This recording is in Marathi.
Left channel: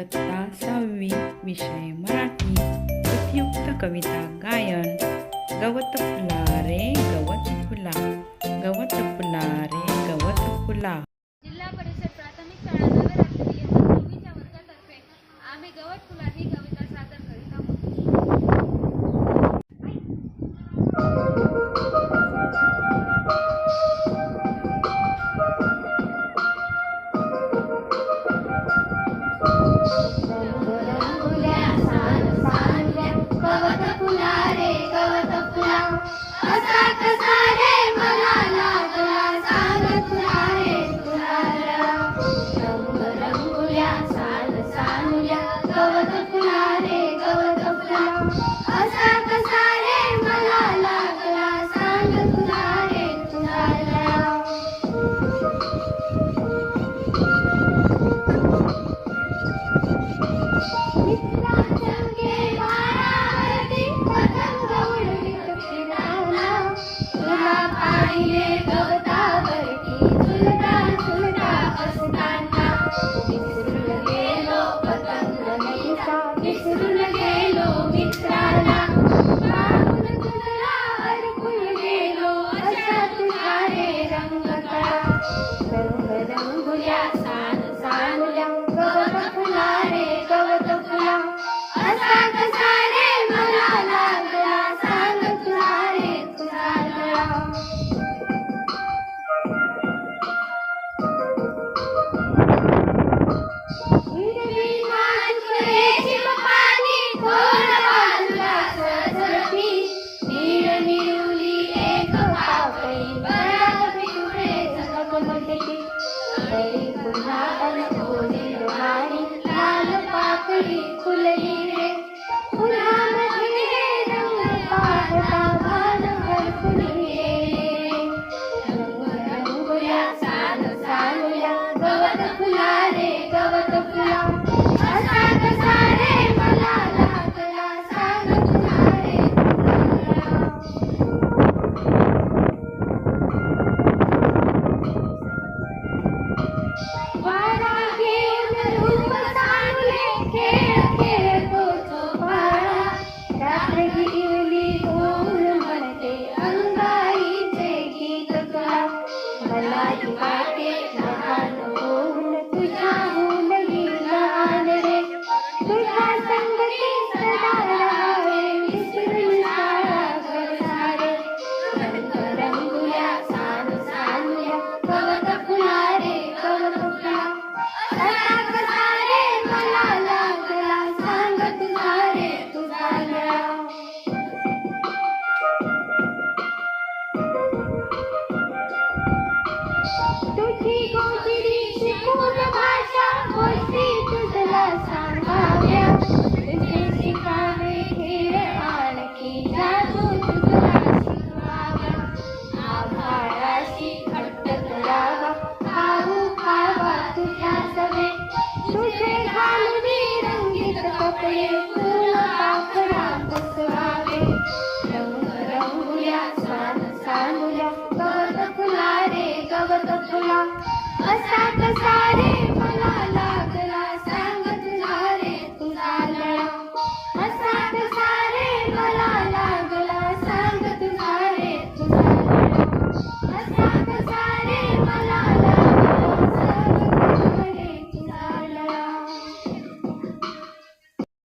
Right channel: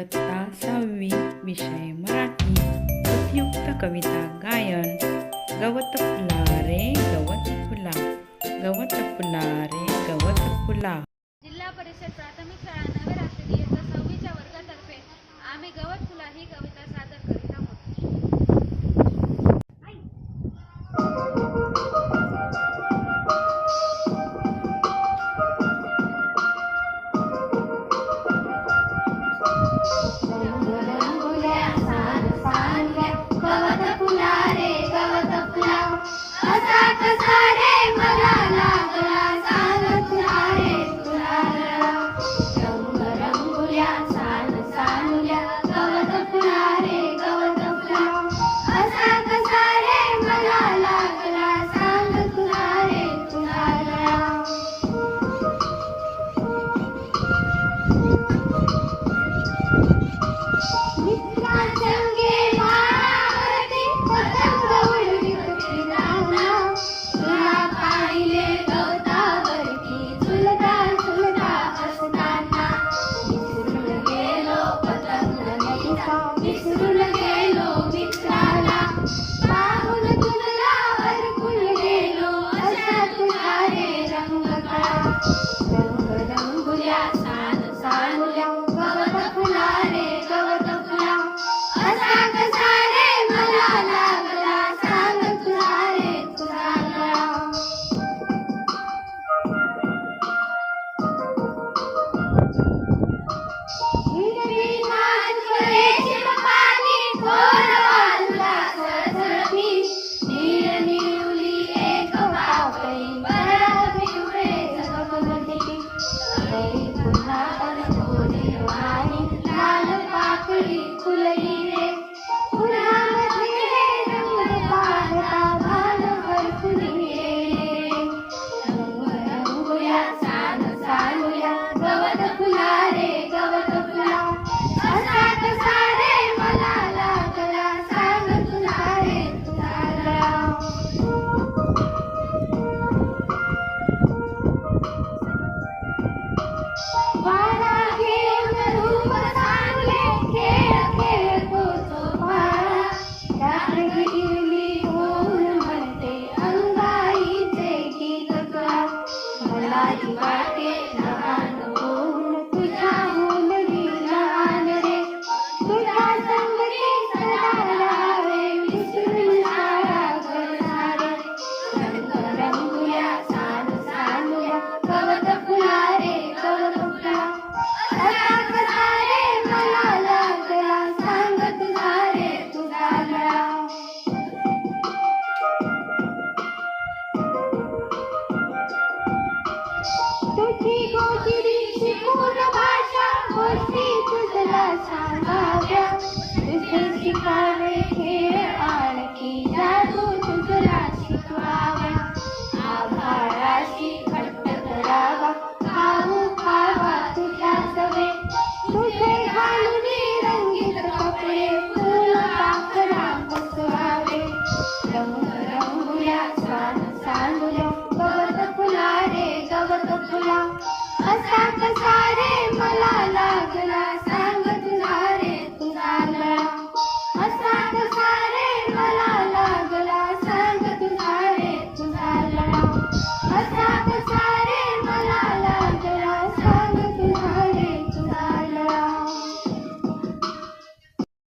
इयत्ता 6वी विषय मराठी उपयुक्त कविता गायन. गवत फुला रे गवत फुला, गवत फुला रे गवत फुला. जिल्हा परिषद प्राथमिक शाळा नगर रात्री इयत्ता 6वीच्या वर्गातर्फे आम्ही गवत फुला ही कविता सादर करीत आहोत. गवत फुला रे गवत फुला, असा कसा रे मला लागला, सांग तुला रे तुला. रंग रंगुल्या सान सानुल्या, गवत फुला रे गवत फुला, असा कसा रे मला लागला, सांग तुला रे तुला. मित्रांगे माळावरती पतंग उडली होती लालना, तुला पाहिले गवतावरती झुलता झुलता असताना. विसरून गेलो पतंग न्यायचा, विसरून गेलो मित्राला, पाहून तुला हरपून गेलो, अशा तुला रे रंग कळा. रंग रंगुल्या सान सानुल्या, गवत फुला रे गवत फुला, असा कसा रे मला लागला, सांग तुला रे तुला. हिरवी नाचले शिवपाणी, थोर बाजूला सळसळती, निरनिराळी एक पापडी, बराक पिवळे झगमगती. कळी पुन्हा कोणी वाणी, लाल पाकळी फुलली रे, पुन्हा मध्ये रंग पाहता भान हरपून गेले रे. रंग रंगुल्या सान सानुल्या, गवत फुला रे गवत फुला, असा कसा रे मला लागला, सांग तुला रे तुला. वारा घेऊन रूप चांगले, खेळ खेळतो तो भाळा, रानगिरली होऊन म्हणते अंगाईचे गीत गा. मलाही वाटे लहान होऊन तुझ्याहून मी लहान रे, तुझ्या संगती सदा राहावे, विसरून शाळा घर सारे. रंग रंगुल्या सान सानुल्या, गवत फुला रे गवत फुला, असा कसा रे मला लागला, सांग तुला रे तुला. तुझी गोष्टी शिकून भाषा, गोष्टी तुझला सांगाव्या, तुझे शिकावे खेळ आणखी, जादू तुझला शिकवावा. आभाळाशी घट्ट करावा, खाऊ खावा तुझ्या सवे, तुझे